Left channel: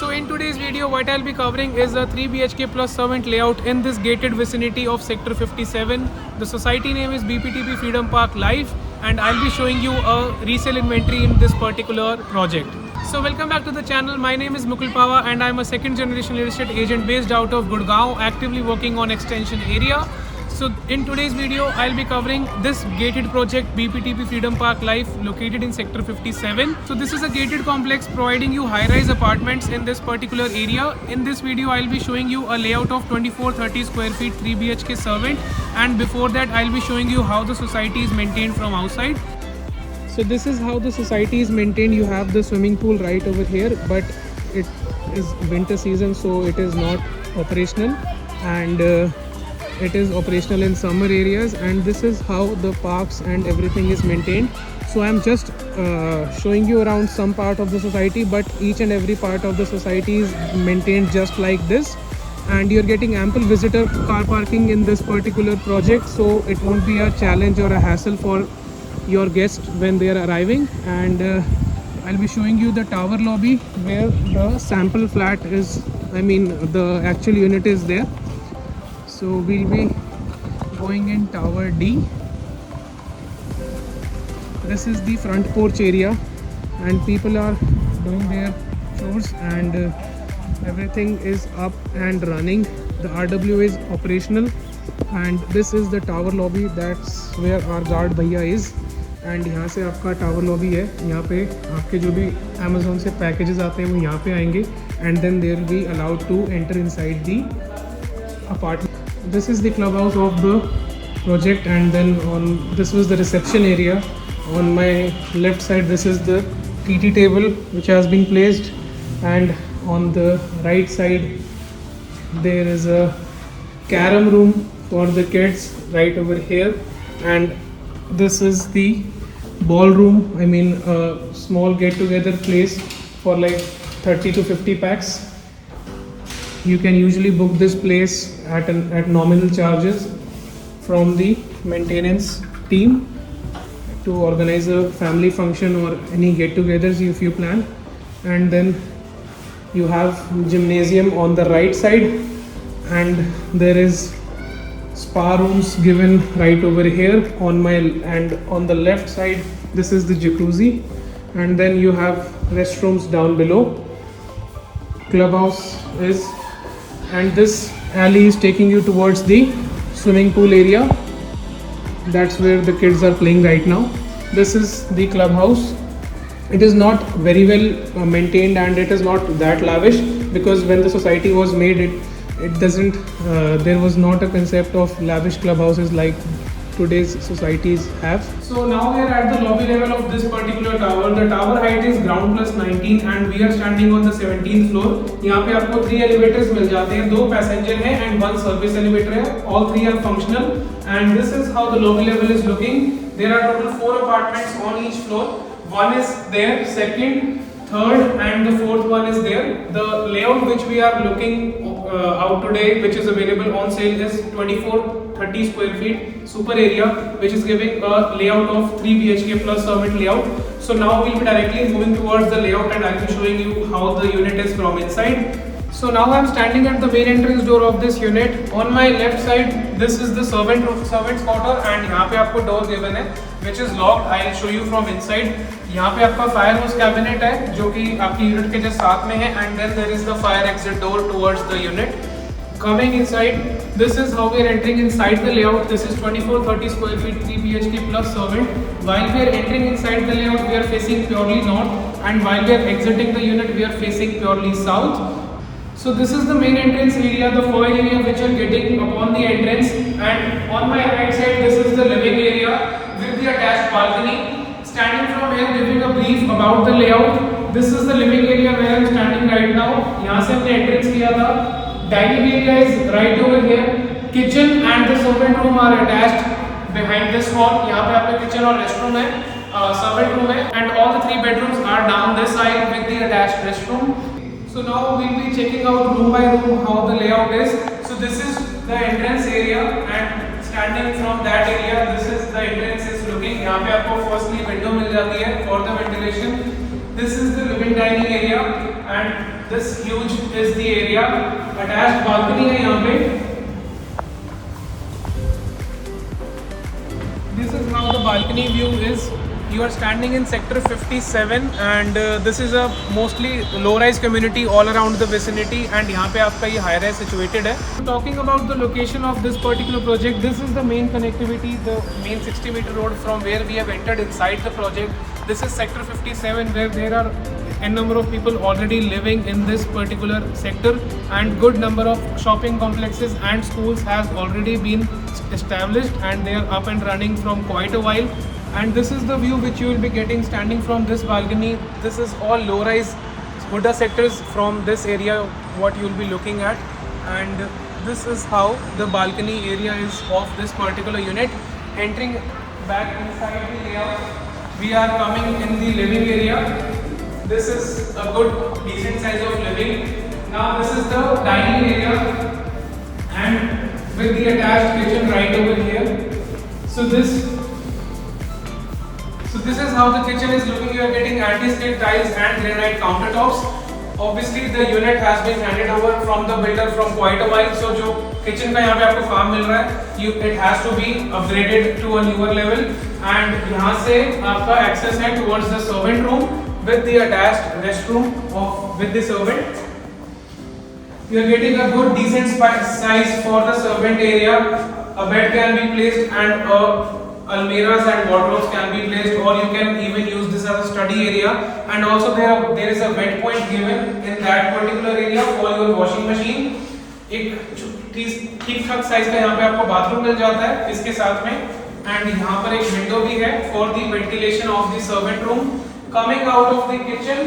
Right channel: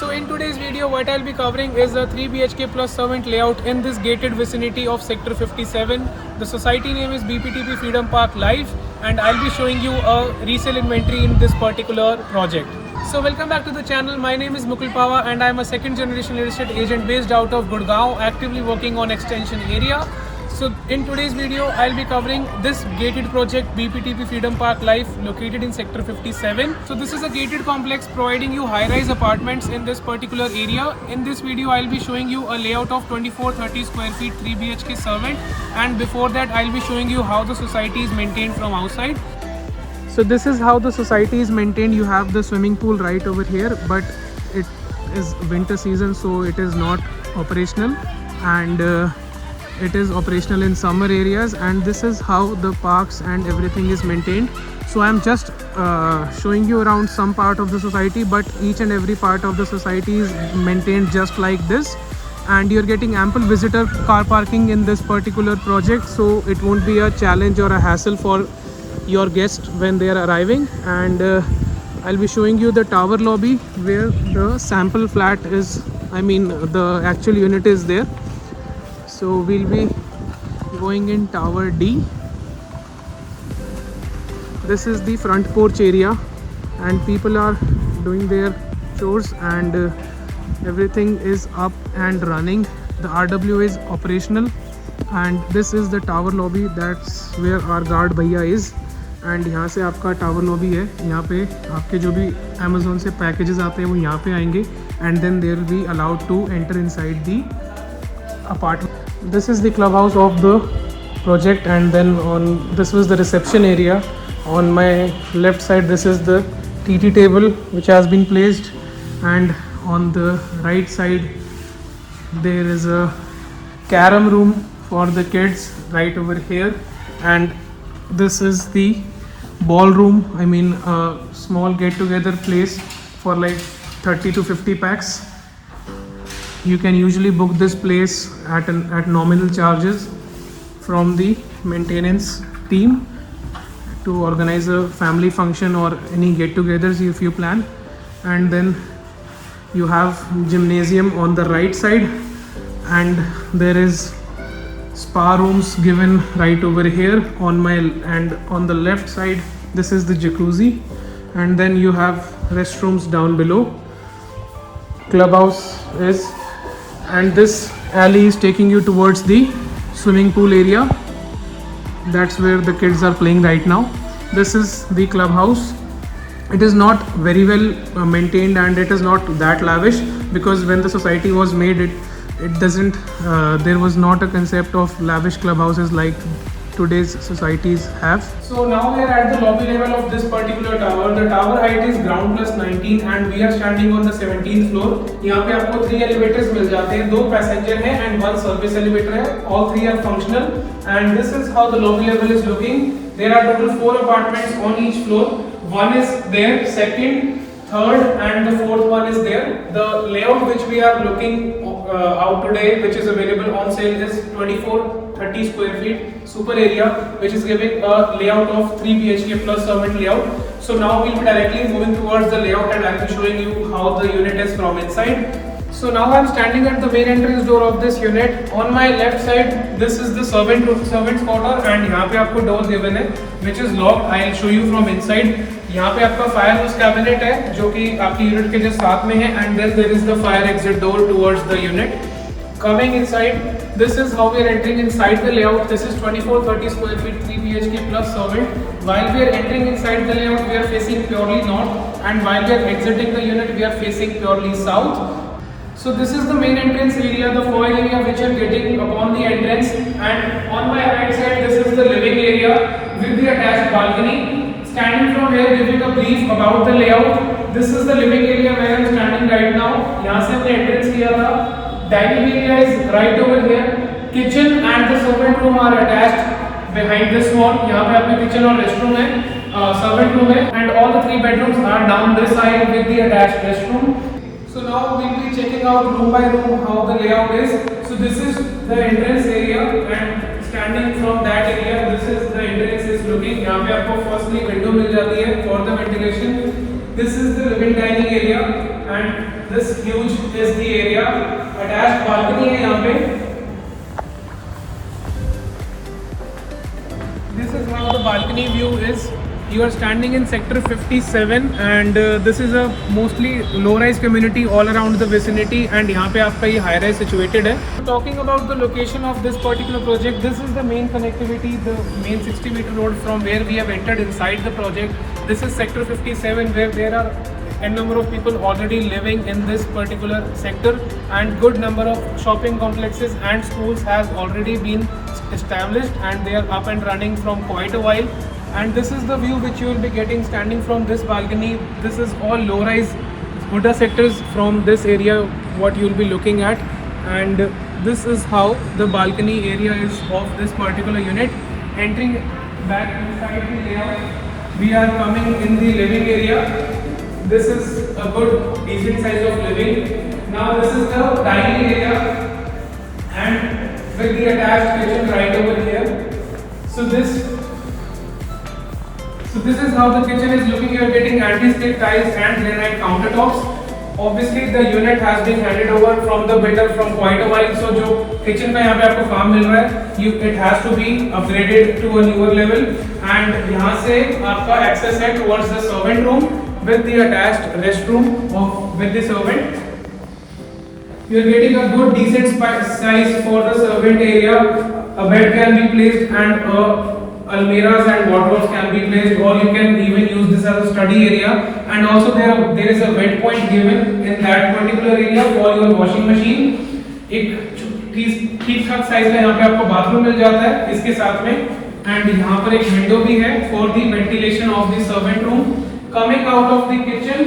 So in today's video, what I'll be covering is a 3 BHK plus servant layout in this gated vicinity of Sector 57. The society name is BPTP Freedom Park Life, and I'll be showing you a resale inventory in this particular project. So welcome back to the channel. My name is Mukul Pava and I'm a second generation real estate agent based out of Gurgaon, actively working on extension area. So in today's video, I'll be covering this gated project BPTP Freedom Park Life located in Sector 57. So this is a gated complex providing you high-rise apartments in this particular area. In this video, I'll be showing you a layout of 2430 square feet 3 BHK servant, and before that I'll be showing you how the society is maintained from outside. So this is how the society is maintained. You have the swimming pool right over here, but it is winter season, so it is not operational, and it is operational in summer areas. And this is how the parks and everything is maintained. So I'm just showing you around some part of the society, but each and every part of the society is maintained just like this, and you're getting ample visitor car parking in this particular project, so it won't be a challenge or a hassle for your guests when they are arriving. And I'll be showing you the tower lobby where the sample flat is, the actual unit is there. So we'll be going in tower D. This is the front porch area, and people are doing their chores, and everything is up and running. The RW is operational, and this is the tower lobby. That's where our guard भैया is. And यहाँ से आपका tower lobby है. यहाँ पे आपके जो भी अमेज़ोन से पैकेजेस आते हैं वो यहाँ पे आएंगे, and then they will be allowed to enter inside the apartment. This is the clubhouse of the project, and then this was the reception area. On my left side, this is the TT table which has been placed, and on the right side there is a carom room for the kids right over here, and this is the ballroom. A small get-together place for like 30 to 50 packs. You can usually book this place at nominal charges from the maintenance team to organize a family function or any get-togethers if you plan. And then you have gymnasium on the right side, and there is spa rooms given right over here and on the left side this is the jacuzzi, and then you have restrooms down below. Clubhouse is, and this alley is taking you towards the swimming pool area. That's where the kids are playing right now. This is the clubhouse. It is not very well maintained, and it is not that lavish, because when the society was made, it doesn't there was not a concept of lavish clubhouses like today's societies have. So now we are at the lobby level of this particular tower. The tower height is ground plus 19, and we are standing on the 17th floor. यहाँ पे आपको 3 elevators मिल जाते हैं, 2 passenger हैं and 1 service elevator है. All 3 are functional, and this is how the lobby level is looking. There are total 4 apartments on each floor. One is there, second, third, and the fourth one is there. The layout which we are looking out today, which is available on sale, is 2430 square feet super area, which is giving a layout of 3 BHK plus servant layout. So now we'll be directly moving towards the layout, and I'll be showing you how the unit is from inside. So now I'm standing at the main entrance door of this unit. On my left side, this is the servant's quarter, and यहाँ पे आपको door given है, which is locked. I'll show you from inside. यहाँ पे आपका fire hose cabinet है, जो कि आपकी यूनिट के जस्ट साथ में है, and then there is the fire exit door towards the unit. Coming inside, this is how we are entering inside the layout. This is 2430 square feet 3 BHK plus servant. While we are entering inside the layout, we are facing purely north, and while we are exiting the unit, we are facing purely south. So this is the main entrance area, the foyer area which you are getting upon the entrance, and on my right side this is the living area with the attached balcony. Standing from here, giving a brief about the layout. This is the living area where I am standing right now. यहाँ से हमने entrance किया था. Dining area is right over here. Kitchen and the servant room are attached behind this wall. यहाँ पे आपका kitchen और restroom है, servant room है, and all the 3 bedrooms are down this side with the attached restroom. So now we'll be checking out room by room how the layout is. So this is the entrance area, and standing from that area, this is the entrance is looking. यहाँ पे आपको firstly window मिल जाती है for the ventilation. This is the living dining area, and this huge is the area. Attached balcony है यहाँ पे. This is how the balcony view is. You are standing in sector 57 and this is a mostly low-rise community all around the vicinity and यहाँ पे आपका ये high-rise situated है. Talking about the location of this particular project, this is the main connectivity, the main 60-meter road from where we have entered inside the project. This is sector 57 where there are n number of people already living in this particular sector and good number of shopping complexes and schools has already been established and they are up and running from quite a while. And this is the view which you will be getting standing from this balcony. This is all low-rise Huda sectors from this area what you will be looking at, and this is how the balcony area is of this particular unit. Entering back inside the layout, we are coming in the living area. This is a good decent size of living. Now this is the dining area and with the attached kitchen right over here. So this is how the kitchen is looking. You are getting anti-slip tiles and granite countertops. Obviously the unit has been handed over from the builder from quite a while. So जो kitchen का यहाँ पे आपको काम मिल रहा है, it has to be upgraded to a newer level. And यहाँ से आपका access है towards the servant room with the attached restroom with the servant. You are getting a good decent size for the servant area. A bed can be placed and almirahs and wardrobes can be placed, or you can even use this as a study area. And also there is a wet point given in that particular area for your washing machine. एक ठीक ठाक size का यहाँ पे आपको bathroom मिल जाता है इसके साथ में, एंड यहाँ पर एक विंडो भी है for the ventilation of the servant room. Coming out of the kitchen,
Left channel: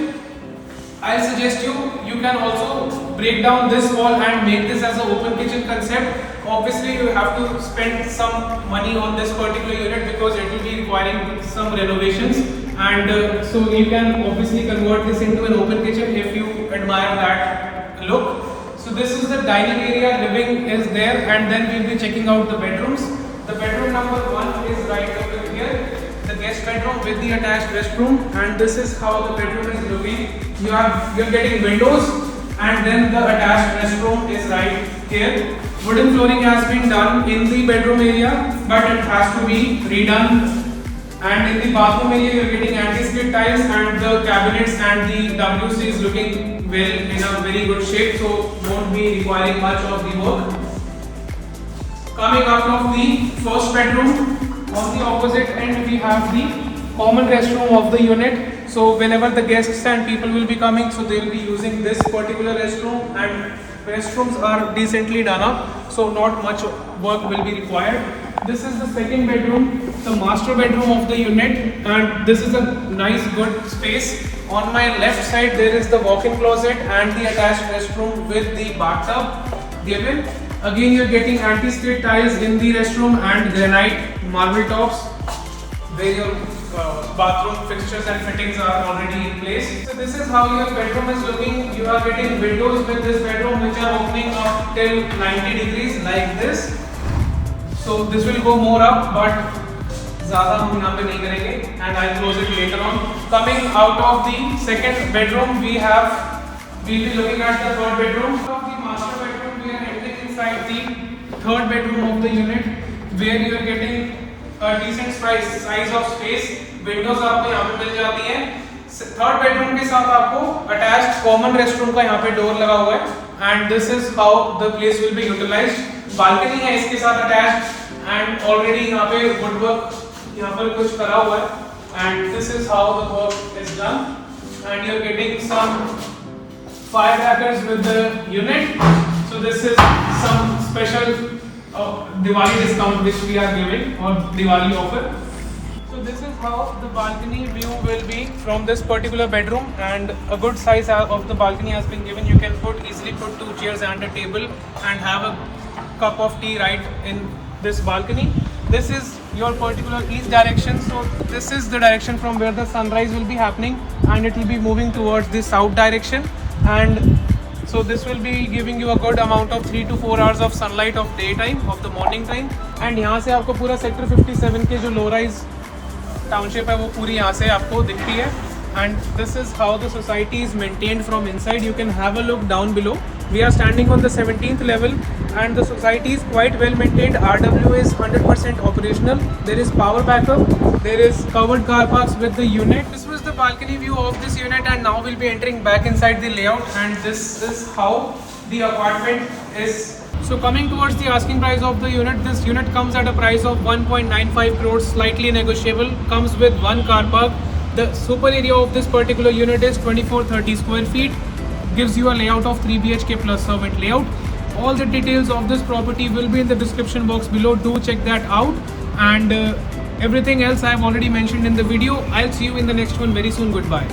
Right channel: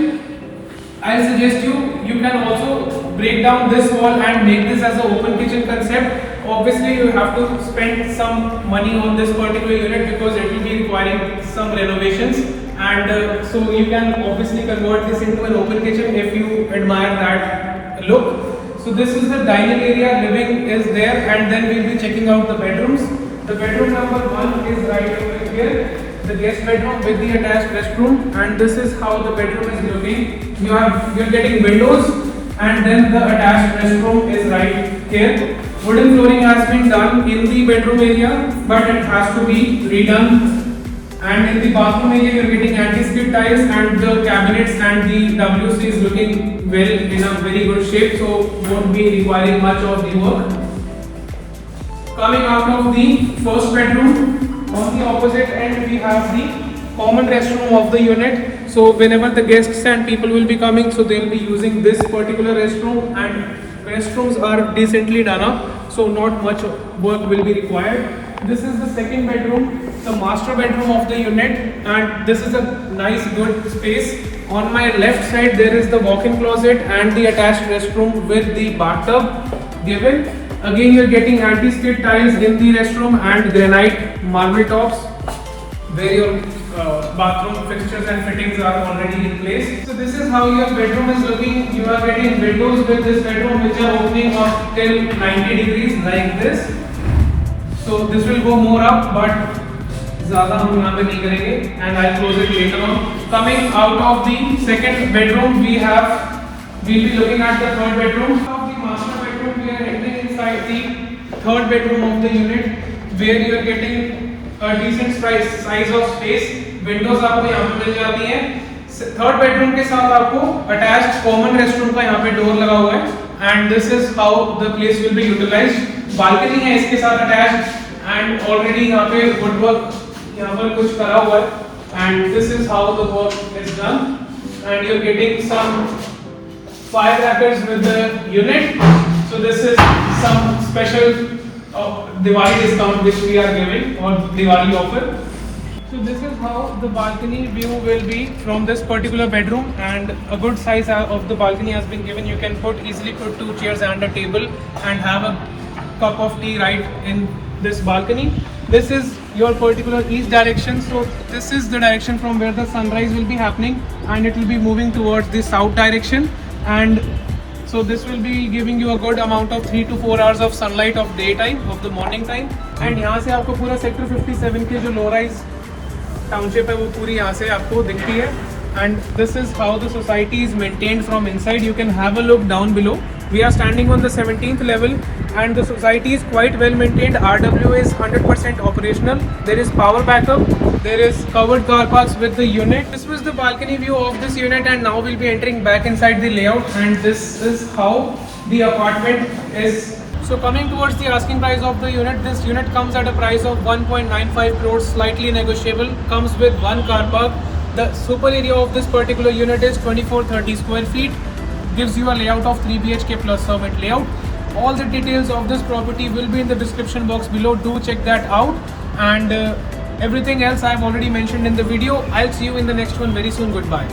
I suggest you can also break down this wall and make this as an open kitchen concept. Obviously you have to spend some money on this particular unit because it will be requiring some renovations, and so you can obviously convert this into an open kitchen if you admire that look. So this is the dining area, living is there, and then we will be checking out the bedrooms. The bedroom number 1 is right over here, the guest bedroom with the attached restroom, and this is how the bedroom is looking. You are getting windows, and then the attached restroom is right here. Wooden flooring has been done in the bedroom area, but it has to be redone. And in the bathroom area, you are getting anti-skid tiles, and the cabinets and the WC is looking well in a very good shape, so won't be requiring much of the work. Coming out of the first bedroom, on the opposite end we have the common restroom of the unit. So whenever the guests and people will be coming, so they will be using this particular restroom, and restrooms are decently done up, so not much work will be required. This is the second bedroom, the master bedroom of the unit, and this is a nice good space. On my left side there is the walk-in closet and the attached restroom with the bathtub given. Again you are getting anti-skid tiles in the restroom and granite marble tops where your bathroom fixtures and fittings are already in place. So this is how your bedroom is looking. You are getting windows with this bedroom which are opening up till 90 degrees like this. So this will go more up, but ज़्यादा हम यहाँ पे नहीं करेंगे, and I'll close it later on. Coming out of the second bedroom, we'll be looking at the third bedroom. Of the master bedroom, we are entering inside the third bedroom of the unit, where you are getting a decent size of space. Windows आपको यहाँ पे मिल जाती है. Third bedroom के साथ आपको attached common restroom का यहाँ पे डोर लगा हुआ है, and this is how the place will be utilised. Balcony है इसके साथ अटैच्ड, एंड ऑलरेडी यहाँ पे वुडवर्क यहाँ पर कुछ करा हुआ है, and this is how the work is done, and you are getting some firecrackers with the unit. So this is some special Diwali discount which we are giving, or Diwali offer. So this is how the balcony view will be from this particular bedroom, and a good size of the balcony has been given. You can easily put 2 chairs and a table and have a cup of tea right in this balcony. This is your particular east direction, so this is the direction from where the sunrise will be happening, and it will be moving towards the south direction, and so this will be giving you a good amount of 3 to 4 hours of sunlight of daytime, of the morning time. And यहाँ से आपको पूरा sector 57 के जो low rise township है वो पूरी यहाँ से आपको दिखती है. and this is how the society is maintained from inside. You can have a look down below. We are standing on the 17th level and the society is quite well maintained. RWA is 100% operational. There is power backup. There is covered car parks with the unit. This was the balcony view of this unit, and now we'll be entering back inside the layout, and this is how the apartment is. So coming towards the asking price of the unit, this unit comes at a price of 1.95 crores, slightly negotiable, comes with one car park. The super area of this particular unit is 2430 square feet, gives you a layout of 3 BHK plus servant layout. All the details of this property will be in the description box below. Do check that out, and everything else I have already mentioned in the video. I'll see you in the next one very soon. Goodbye.